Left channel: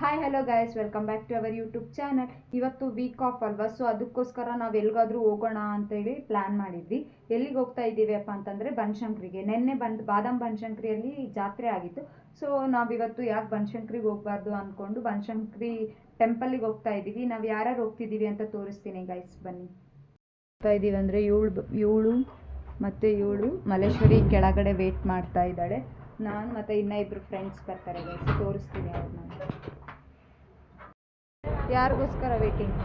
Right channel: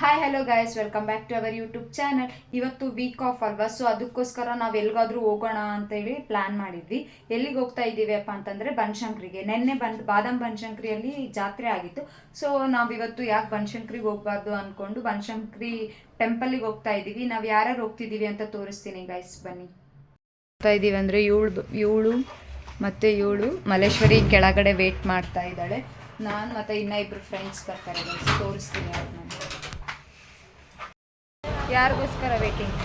Hi hello guys, welcome back to our YouTube channel. ಇವತ್ತು week off ಅಲ್ವಾ, so ಅದಕ್ಕೋಸ್ಕರ ನಾವು ಎಲ್ಲಿಗಾದ್ರೂ ಹೋಗೋಣ ಅಂತೇಳಿ ಪ್ಲ್ಯಾನ್ ಮಾಡಿದ್ವಿ. ಎಲ್ಲಿಗೆ ಹೋಗ್ತಾ ಇದ್ದೀವಿ ಅಪ್ಪ ಅಂತಂದರೆ ಬನಶಂಕರಿಗೆ. ನೆನ್ನೆ ಬಾದಾಮ್ ಬನಶಂಕರಿಯಲ್ಲಿ ಜಾತ್ರೆ ಆಗಿತ್ತು. ಸೊ ನಾವಿವತ್ತು ಯಾಕೆ ಬನಶಂಕರಿಗೆ ಹೋಗಬಾರ್ದು ಅಂದ್ಕೊಂಡು ಬನಶಂಕರಿ ಟೆಂಪಲಿಗೆ ಹೋಗ್ತಾ ಇದ್ದೀವಿ. ನಾವು ಯಾರ್ಯಾರು ಹೋಗ್ತಿದ್ದೀವಿ ಅಂತ ತೋರಿಸ್ತೀನಿ ಗೈಸ್, ಬನ್ನಿ. ಹೋಗ್ತಾ ಇದ್ದೀವಿ ಅಂದರೆ ಇವಳು ಮತ್ತು ಇವಳು ಮಲ್ಲೇಶ್ವರಿ ಕೆಳಗಡೆ ವೇಟ್ ಮಾಡ್ತಾ ಇದ್ದಾಳೆ. ನಾನು ಮತ್ತು ಇನ್ನೂ ಇಬ್ಬರು ಫ್ರೆಂಡ್ಸ್ ಬರ್ತಾರೆ ಗೈಸ್, ತೋರಿಸ್ತೀನಿ ಅವ್ರನ್ನ. ಯಾರಿಗೋಸ್ಕರ ವೇಟಿಂಗ್?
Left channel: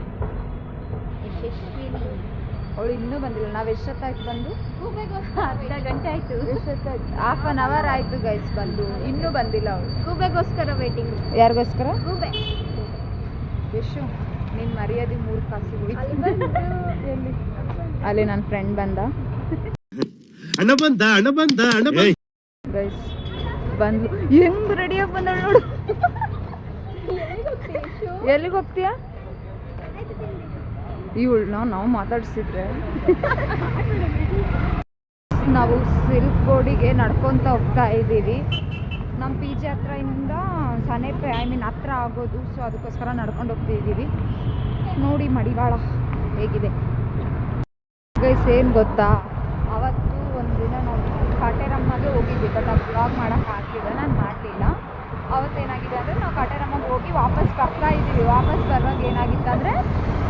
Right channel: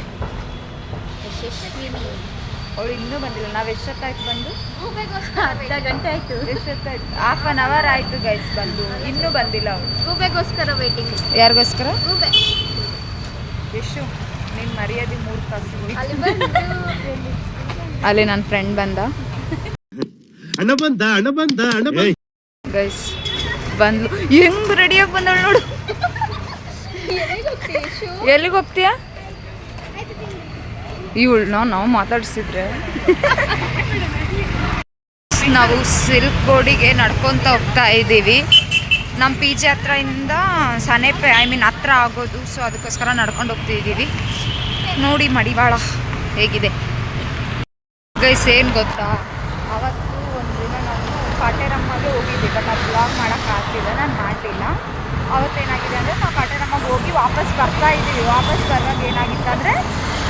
ಅವಳು ಇನ್ನೂ ಬಂದಿಲ್ಲ. ನಾವು ಎಷ್ಟೊತ್ತಾಯ್ತು ಬಂದು? ಅರ್ಧ ಗಂಟೆ ಆಯಿತು. ಎಷ್ಟೊತ್ತಾಯ್ತು? ಹಾಫ್ ಅನ್ ಅವರ್ ಆಯಿತು ಗೈಸ್ ಬಂದು, ಇನ್ನೂ ಬಂದಿಲ್ಲ ಅವಳು. ಗೂಬೆಗೋಸ್ಕರ ವೇಟಿಂಗ್. ಯಾರಿಗೋಸ್ಕರ? ಗೂಬೆ. ಎಷ್ಟು ನಿನ್ನ ಮರ್ಯಾದೆ 3 ಕಾಸಿಗೆ ಅಲ್ಲಿ ನನ್ನ ಫ್ರೆಂಡ್ ಬಂದ. ಗೈಸ್ ಬಂದ್ಲು, ಹೆಂಗ್ ರೆಡಿಯಾಗಿ ಬಂದಳು ನೋಡು. ಎಲ್ಲಿಗೆ ಹೋಗ್ತೀಯಾ? ಇವಳನ್ನ ನಾವು ಮಾತಾಡ್ಸಿದ್ರೆ ನಾವು ಸಿಲ್ಕ್ ಬೋರ್ಡಿಗೆ ನಡ್ಕೊತ ಹೋಗ್ತಾ ಇದ್ದೀವಿ. ನಮ್ಮ ಪಿ ಜಿ ಹತ್ರದಿಂದ ಸನೇಪೆ ಹತ್ರ ಆಗೋದು. ಸೊ ಅದಕ್ಕೋಸ್ಕರ ನಡ್ಕೊಂಡು ಹೋಗ್ತಿದ್ದೀವಿ. ನೋಡಿ ಮಡಿವಾಳ ಹೇಗಿದೆ ಗೈಸ್. ಏನು ಗೊತ್ತಾ, ಅವತ್ತು ಒಂದಿನ ನಾವು ಕಾಟೇರಮ್ಮಗೆ ಹೋಗಿದ್ವಿ, ಬಟ್ ಅದು ಬ್ಲಾಗ್ ಮಾಡೋಕ್ಕಾಗ್ತಿದೆ, ನಾನು ಮಾಡಲಿಲ್ಲ. ಅವತ್ತೇನಾಗಿದೆ ಅಂದರೆ ನಾವು ಕಾಟೇರಮ್ಮಗೆ ಹೋಗಿ ವಾಪಸ್ ಬರ್ತಾ ಇದ್ದೀವಿ. ವಾಪಸ್ ಬರುವಾಗ ಏನಾಗಿತ್ತು ಅಂದರೆ,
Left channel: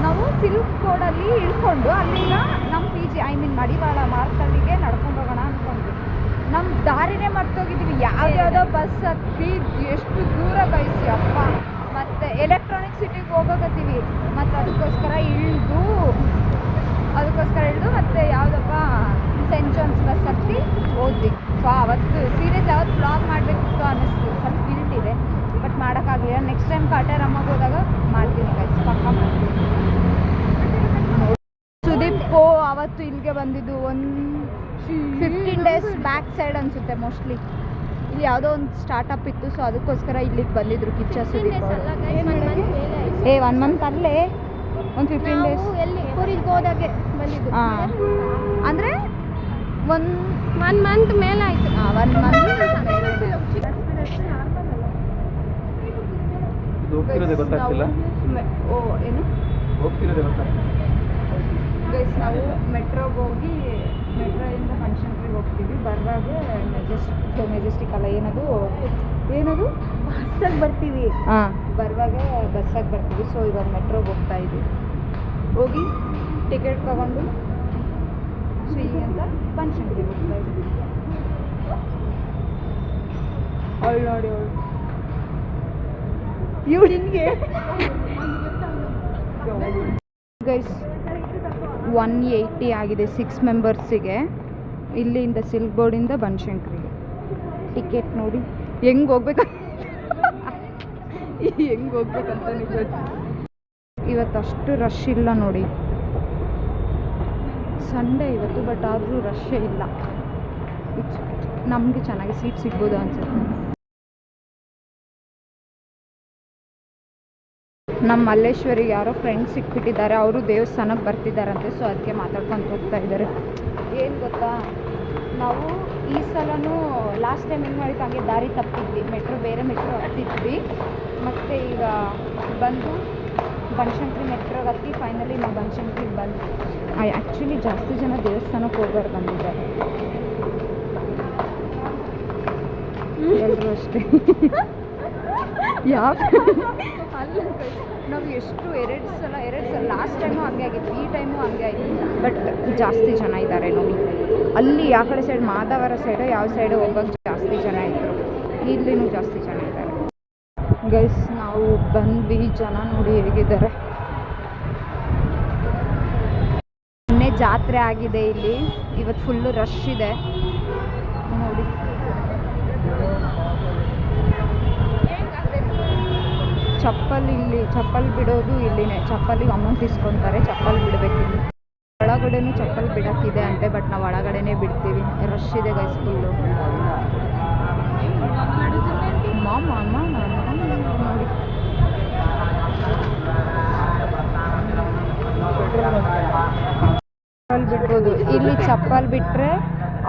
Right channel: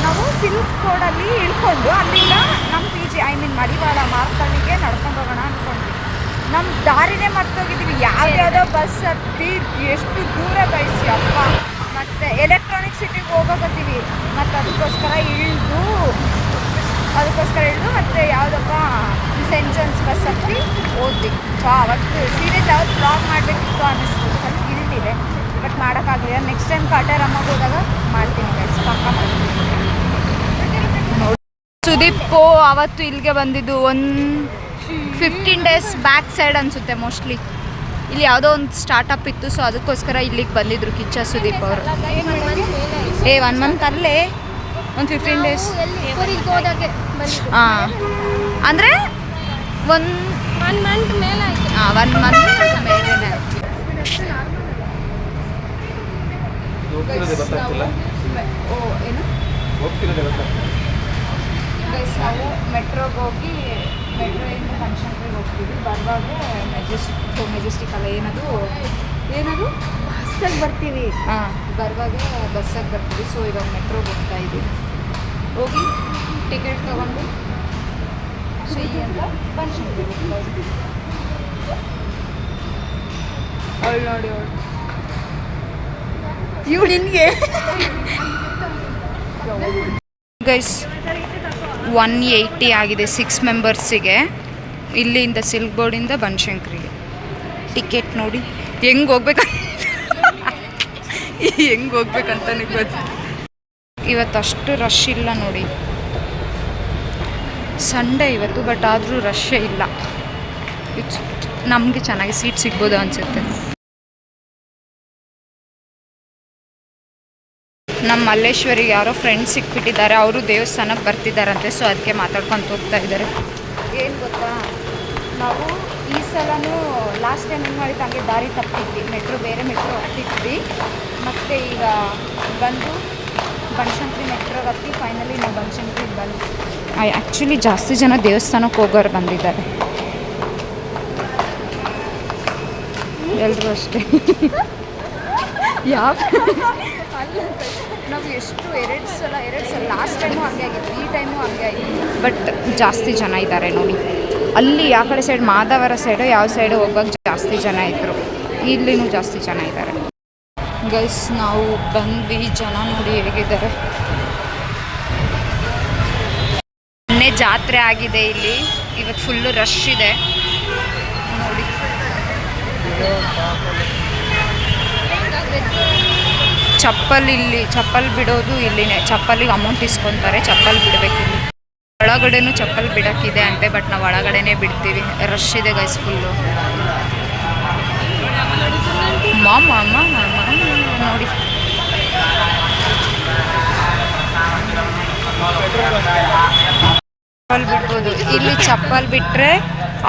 ನಾವು ಸಿಲ್ಕ್ ಬೋರ್ಡಲ್ಲಿ ಇಳ್ಕೊಂಡು ಅಲ್ಲಿಂದ ನಮ್ಮ ಪಿ ಜಿ ಮಡಿವಾಳ ಮಾರ್ತಳ್ಳಿಗೆ ನಡ್ಕೊಂಡು ಹೋಗೋಣ ಅಂದ್ಕೊಂಡ್ವಿ. ನಮ್ಮ ದಾರಿನೇ ಮರ್ತೋಗಿದ್ದೀವಿ. ಯಾವ್ಯಾವುದೋ ಬಸ್ ಹತ್ತಿ ಎಷ್ಟು ದೂರ ಗೈಸಿ ಅಪ್ಪ. ಮತ್ತು ಎಲೆಕ್ಟ್ರಾನಿಕ್ ಸಿಟಿಗೆ ಹೋಗೋಕತ್ತೀವಿ. ಮತ್ತು ಅದಕ್ಕೋಸ್ಕರ ಇಳಿದು ಮತ್ತು ಯಾವುದಪ್ಪ ಸೆಂಟ್ ಜಾನ್ಸ್ ಬಸ್ ಹತ್ತಿ ಹೋದ್ವಿ. ಅವತ್ತು ಸೀರಿಯಸ್ ಯಾವತ್ತು ಬ್ಲಾಗ್ ಮಾಡಬೇಕಿತ್ತು ಅನ್ನಿಸ್ತು. ಸ್ವಲ್ಪ ಗಿಲ್ಟಿದೆ, ಬಟ್ ಮಾಡೋಕ್ಕಾಗಲಿಲ್ಲ. ನೆಕ್ಸ್ಟ್ ಟೈಮ್ ಕಾಟೇರಮ್ಮಗೆ ಹೋದಾಗ ಮಾಡ್ತೀನಿ ಗೈಸ್, ಪಕ್ಕ ಮಾಡ್ತೀನಿ. ನೋಡಿ, ಸುದೀಪ್ ಅವತ್ತು ಇಲ್ಲಿಗೆ ಬಂದಿದ್ದು ಒಂದು 15 ಡೇಸ್ ಬ್ಯಾಕ್ ಸೈಡ್ ಅನಿಸುತ್ತೆ ಮೋಸ್ಟ್ಲಿ. ಇಲ್ಲಿ ಯಾವುದೋ ಒಂದು ಸ್ಟಾರ್ಟಪ್ ಇತ್ತು, ಸೊ ಅದಕ್ಕೋಸ್ಕರ ಇಲ್ಲಿಗೆ ಬಂದಿದ್ರು ಕಿಚ್ಚ ಸುದೀಪ್ ಅವರು. 1 ಮಂತ್ ಅಲ್ಲೇ, ಒಂದು 15 ಡೇಸ್ ಹೋದಾಗೆ. ಹಾಂ, ಅಂದರೆ 1 ಮಂತ್ ಮೇಲೆ ಆಯಿತು. 1 ಮಂತ್ ಮೇಲೆ ಆಯಿತು. ಏನು ಗೈಸ್, ನಾವು ಮೆಟ್ರೋಗೆ ಹೋಗಿ ಮೆಟ್ರೋಯಿಂದ ಬನಶಂಕರಿಗೆ ಹೋಗ್ತೀವಿ. ಬರುವಾಗ ಮೆಜೆಸ್ಟಿಕ್ ಅಲ್ಲ, ಏನದು ಬಸ್ಸಾಗಿ ಬರ್ತೀವಿ. ಹಾಂ, ಬರುವಾಗ ಬಸ್ಸಾಗಿ ಬರ್ತೀವಿ. ಸೊ ಇವಾಗ ಮೆಟ್ರೋಗೆ ಹೋಗ್ತಾ ಇದ್ದೀವಿ. ಹೋಗಿ ಟಿಕೆಟ್ ತೊಗೊಂಡು ಅಂತ ಬನಶಂಕರಿಗೆ ಹೋಗ್ತಾ ಇದ್ದೀವಿ. ಅವಳು ನೋಡಿ, ಇವಳು ನಿನಗೆ ಗೈಸ್ 180 ಆಗಿದೆ 6 ಮೆಂಬರ್ಸಿಗೆ. ಇಲ್ಲಿಂದ ಸಿಲ್ಕ್ ಬೋರ್ಡಿಂದ ಬನಶಂಕರಿಗೆ ಟಿಕೆಟ್ ನೋಡಿ ಹೆಂಗೆ ಹೋಗ್ಬೇಕಂತ ಗೊತ್ತು. ಇವತ್ತು ಅಷ್ಟು ರಶ್ ಇಲ್ಲ ನೋಡಿ, ಸಂಡೇ ಇವತ್ತು, ಬಟ್ ಆದರೂ ರಶ್ಶೇ ಇಲ್ಲ. ನಮಗೆ ಚೆನ್ನಾಗಿ ಸೀಟ್ ಸಿಗ್ಬೋದು ಅನಿಸುತ್ತೆ. ನಮ್ಮ ಮಲ್ಲೇಶ್ವರಿಗೆ ಯಾರೋ ಫ್ರೆಂಡ್ಸ್ ಸಿಕ್ಬಿಟ್ಟಿದ್ದಾರೆ. ಅವರು ದೇವಸ್ಥಾನಕ್ಕೆ ಬರ್ತಿದ್ದಾರಂತೆ, ಸೊ ಅದಕ್ಕೆ ಮಾತಾಡ್ಕೊಂಡು ಹೋಗ್ತಾ ಇದ್ದಾರೆ. ಏನು ಗೊತ್ತಾ, ನಾವು ಈ ಸಲನೂ ಲಾಸ್ಟ್ ಟೈಮ್ ಹೆಂಗೆ ಮಾಡಿತ್ತು ಹಂಗೆ ದಾರಿ ತಪ್ಪಿದ್ವಿ. ಬೇರೆ ಮೆಟ್ರೋ ಹತ್ತಿದ್ವಿ. ಮತ್ತು ಈಗ ಬಂದು ಬನಶಂಕರಿ ಮೆಟ್ರೋಗೆ ಹತ್ತಿ ಫೈನಲಿ ನಾವು ಬನಶಂಕರಿಗೆ ಬಂದು. ಆ್ಯಕ್ಚುಲಿ ಜಾಸ್ತಿ ಜನ ದೇವಸ್ಥಾನಕ್ಕೆ ಹೋಗೋರು ಬಂದಿದ್ದಾರೆ, ಎಲ್ಲರೂ ಅಷ್ಟೇ. ಯಾವ ಅಲ್ಲ, ನಾವು ಎರಡು ಸಲ ಲಾಸ್ಟ್ ಟೈಮು ಹಂಗೆ ಆಗಿತ್ತು, ಈ ಟೈಮು ಹಂಗೆ ಆಗಿತ್ತು. ಬಟ್ ಜಾಸ್ತಿ ಜನ ಇದ್ದಾರೆ ನೋಡಿ. ಅಲ್ಲಿ ಆ ಕಡೆ ಸೈಡ್ ಮಾಧವರ ಸೈಡು ಯಾವ ಸೈಡು ಹೋಗೋಕ್ಕೆ ಜಾಸ್ತಿ ಜನ ಇದ್ದರು. ಇಲ್ಲಿನೂ ಜಾಸ್ತಿ ಜನ ಇದ್ದಾರೆ ಗೈಸ್. ನಾವು ಬಂದ್ವಿ, ಜನ ನೋಡಿ ಹೇಗಿದ್ದಾರೆ. ಮೊನ್ನೆ ಜಾತ್ರೆ ಆಗಿದೆ ಇಲ್ಲಿ, ಇವತ್ತು ಫುಲ್ಲು ರಶ್ ಇದೆ ನೋಡಿ. ಚಪ್ಪಲ್ ಬಿಡೋದು ಇಲ್ಲಿನೇ. ಚಪ್ಪಲಿಗೆ ಅಮೌಂಟ್ ಇಸ್ಕೊತಾರೆ, ಚಪ್ಪಲ್ ಬಿಡಬೇಕು ಇಲ್ಲಿ. ಒಳಗಡೆನೂ ಚಪ್ಪಲ್ ಬಿಡೋಕ್ಕಿದೆ ಅಂತೆ, ಬಟ್ ನಾವು ಒಳಗಡೆನೇ ಬಿಡ್ತೀವಿ. ರಶ್ ಇದೆ ಗೈಸ್ ಫುಲ್ಲು. ನೋಡಿ, ಚಪ್ಪಲ್ ಬಿಡ್ಬೋದು ಇಲ್ಲಿ. ಚಪ್ಪಲ್ ಬಿಟ್ಟರೆ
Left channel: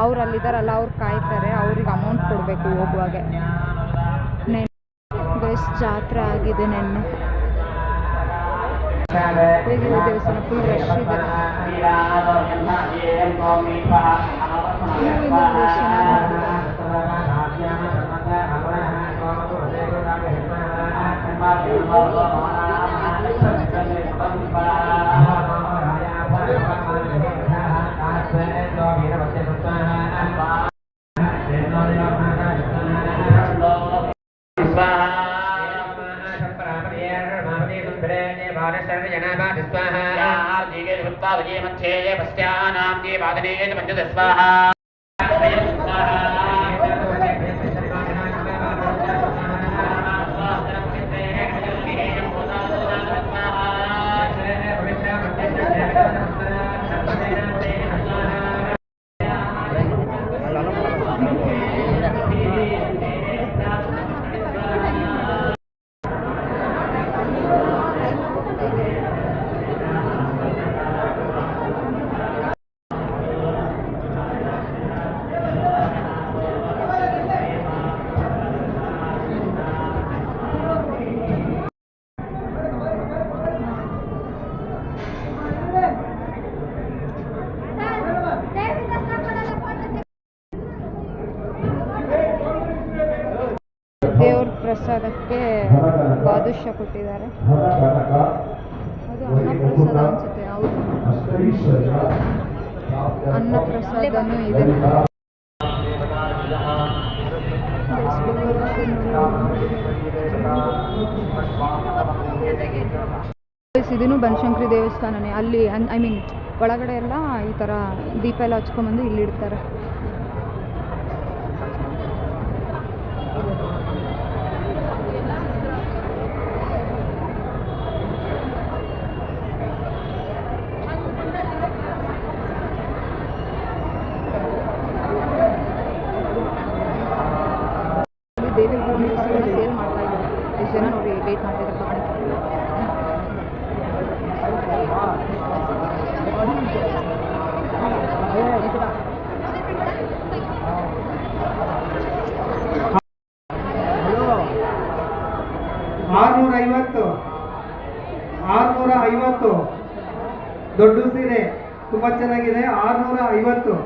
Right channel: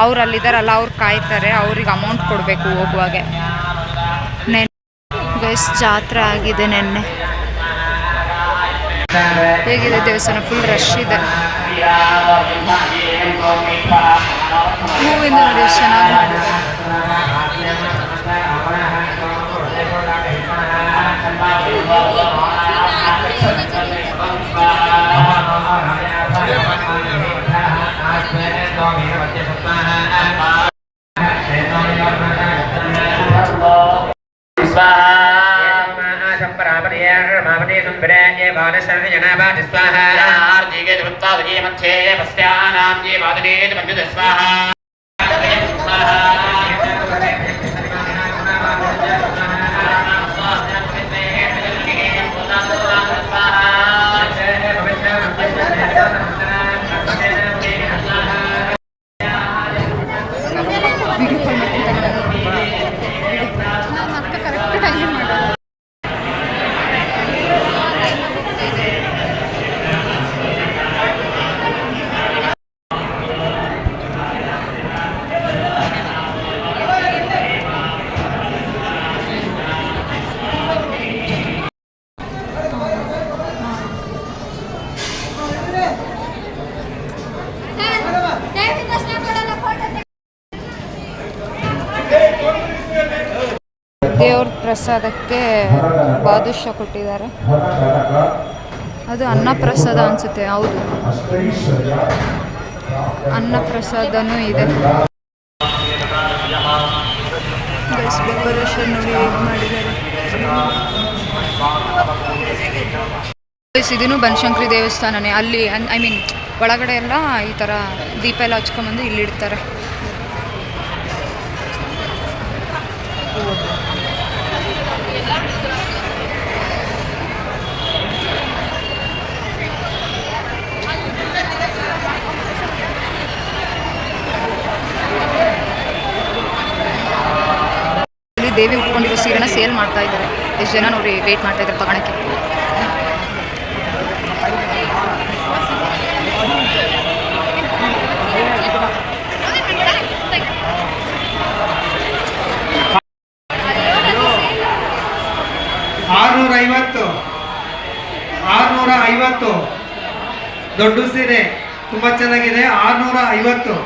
ಅವ್ರು ಅಲ್ಲಿದ್ದಾರಲ್ಲ, ಅವ್ರು ಕಾಯ್ತಾರೆ, ಅವ್ರಿಗೆ ಅಮೌಂಟ್ ಕೊಡಬೇಕು ಹೋಗುವಾಗೆ. ಗೈಸ್ ಜಾತ್ರೆ ಆಗಿದೆ ನೆನ್ನೆ. ಹೇಗಿದೆ ದೇವಸ್ಥಾನ? ಫುಲ್ ರಶ್ ಇದೆ. ಹೂವಿಂದ ನೋಡಿ ಎಷ್ಟು ಚೆನ್ನಾಗಿ ಮಾಡಿದ್ದಾರೆ. ದೇವ್ರ ಪ್ರಸಾದಕ್ಕೆ ಬಾದುಷಾ ಕೊಟ್ಟಿದ್ದಾರೆ. ಅದು ಅನ್ನ ಪ್ರಸಾದ ಅನ್ಸುತ್ತೆ. ಹೌದು, ಅನ್ನ ಪ್ರಸಾದನೂ ಇದೆ. ಡೆಕೋರೇಷನ್ ನೋಡಿ ಹೇಗೆ ಮಾಡಿದ್ದಾರೆ. ಇದೂ ಬನಶಂಕರಿ ದೇವಸ್ಥಾನನೇ. ಅಲ್ಲಿ ಐ ಮೀನ್ ಒಳಗಡೆ ಎಲ್ಲ ಈ ಥರ ದೀಪ ಎಲ್ಲ ಹಚ್ಕೊಂಬಂದು ಇಲ್ಲಿಡ್ತಾರೆ. ದೇವಿ ಉಟ್ಕೊಂಡಿರೋ ಸೀರೆನ ಸೇಲ್ ಮಾಡ್ತಾ ಇದ್ದಾರೆ. ಎಷ್ಟು ಜನ ನೋಡಿ ವೇಟ್ ಮಾಡ್ತಾ ಇದ್ದಾರೆ ತಗೊಳಕ್ಕೆ. $650 ದೊಡ್ಡ ಸೀರೆ ತುಂಬಾ ಚೆನ್ನಾಗಿದೆ. 650.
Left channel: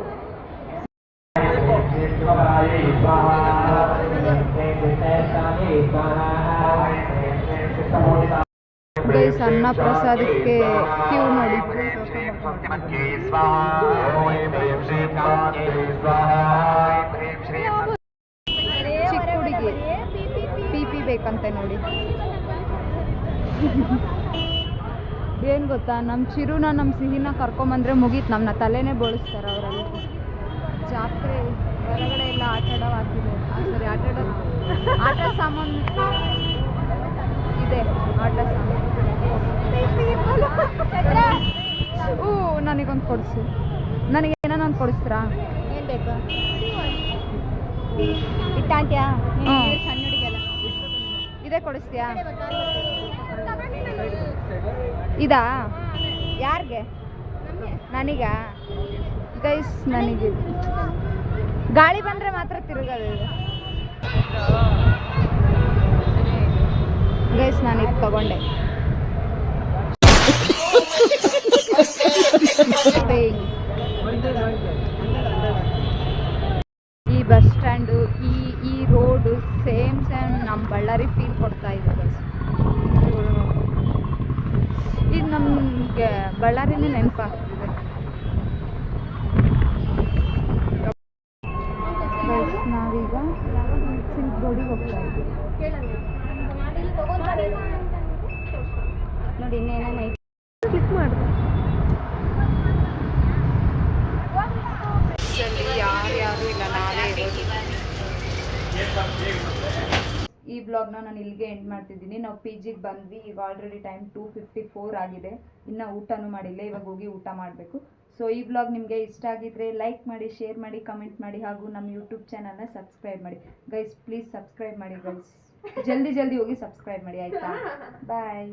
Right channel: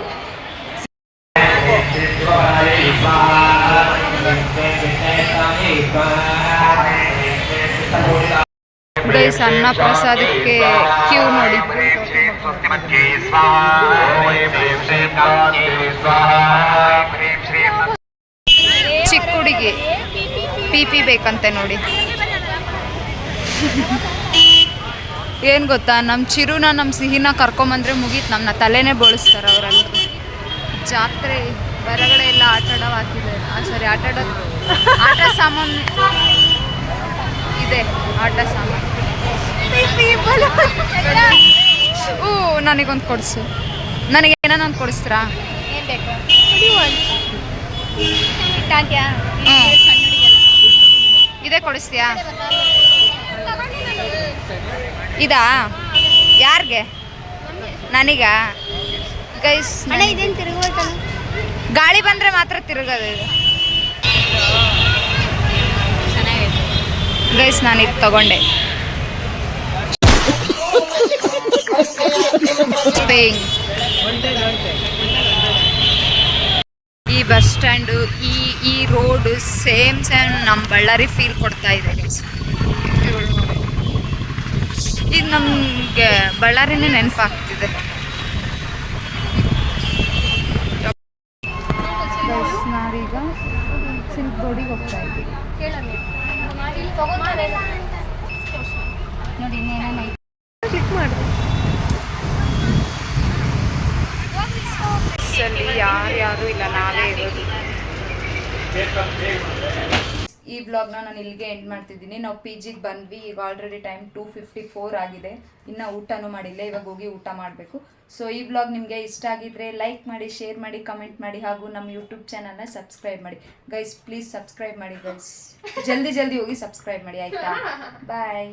ಗೈಸ್ ಅನ್ನ ಪ್ರಸಾದಕ್ಕೆ ಕ್ಯೂ ನೋಡಿ. ಚಿಕ್ಕ ಹುಡುಗಿ ಪಿ ಬೇಕಂತೆ ನೋಡಿ. ಏನು ಗೊತ್ತಾ, ನಮ್ಮ ಚಿರುನ ನಮ್ಮ ಸಿಹಿನ ಕರ್ಕೊಂಬಂದ್ರೆ ಮುಗೀತು, ನಮ್ಮನ್ನ ತಲೆನೇ ಬೋಳಿಸ್ತಾರೆ ಅವರಲ್ಲಿ. ಜಾತ್ರೆ ಹೊರಗಡೆ ಎಲ್ಲ ಆಟಾಡೋ ಹಾಕಿದ್ದಾರೆ. ಸರಿ, ಆಟ ಸಾಮಾನು ಇದೆ. ಆಟ ಸಾಮಾನು ನನಗೊಂದು ಕೊಡಿಸು. ನನಗೆ ಏನೊಂದು ಕೊಡಿಸ್ತೀರಾ? ಏನು ಬೇಕು? ಇದೇ ಕೊಡಿಸ್ತೀಯಾ? ಇದಾ? ಯಾರಿಗೆ? ನನಗ? ಗೈಸ್ ಗಾಳಿ ಬಂದರೆ ಮಾತ್ರ ತಿರುಗೋದು ಇದು. ಗೈಸ್ ನಾನು ಇದು ತಗೊಂಡೆ. ಈ ಬಸ್ ಸ್ಟ್ಯಾಂಡು, ಈ ರೋಡ್ ಸೇಮ್ ನಮ್ಮ ಬಳ್ಳಾರಿ ಫೀಲ್ ಕೊಡ್ತಾ ಇದೆ ಗೈಸ್. ಈಗ ನಮಗೆ ಬಳ್ಳಾರಿನೇ ನೆನಪಾಗ್ತಿದೆ. ನಾವೀಗ ಸಿಲ್ಕ್ ರೋಡಿಗೆ ಹೋಗ್ತಾ ಇದ್ದೀವಿ. ನೋಡಿ ಇನ್ನೇನೇನು ಕ್ಲಿಕ್ ಮಾಡಿ. ಯಾರು ಇಲ್ಲ, ನಾವೇ ಇರೋದು. ಈ ಬ್ಲಾಗ್ನ ನಾನು ಇಲ್ಲಿಗೆ ಎಂಡ್ ಮಾಡ್ತಿದ್ದೀನಿ. ನಾವು PGಗೆ ಬಂದ್ವಿ. ಈಗ ಆಲ್ರೆಡಿ ಟೈಮ್ 2:54 ಆಗಿದೆ. ಇನ್ನು ಊಟನೂ ಮಾಡಿಲ್ಲ. ಇವಾಗ ಹೋಗಿ ಊಟ ಮಾಡಬೇಕು. ಸೊ ಈ ಬ್ಲಾಗ್ ನಿಮಗೆ ಇಷ್ಟ ಆಗಿದ್ರೆ ಲೈಕ್ ಮಾಡಿ, ಶೇರ್ ಮಾಡಿ, ಕಮೆಂಟ್ ಮಾಡಿ, ಹಾಗೂ ನಮ್ಮ ಯೂಟ್ಯೂಬ್ ಚಾನಲ್ನ ಸಬ್ಸ್ಕ್ರೈಬ್ ಮಾಡಿ ಗೈಸ್. ಪ್ಲೀಸ್ ಸಬ್ಸ್ಕ್ರೈಬ್ ಮಾಡಿ ಗೈಸ್. ಜಲ್ದಿ ಹೋಗಿ ಸಬ್ಸ್ಕ್ರೈಬ್ ಮಾಡಿ ಆಯಿತಾ? ಬಾಯ್.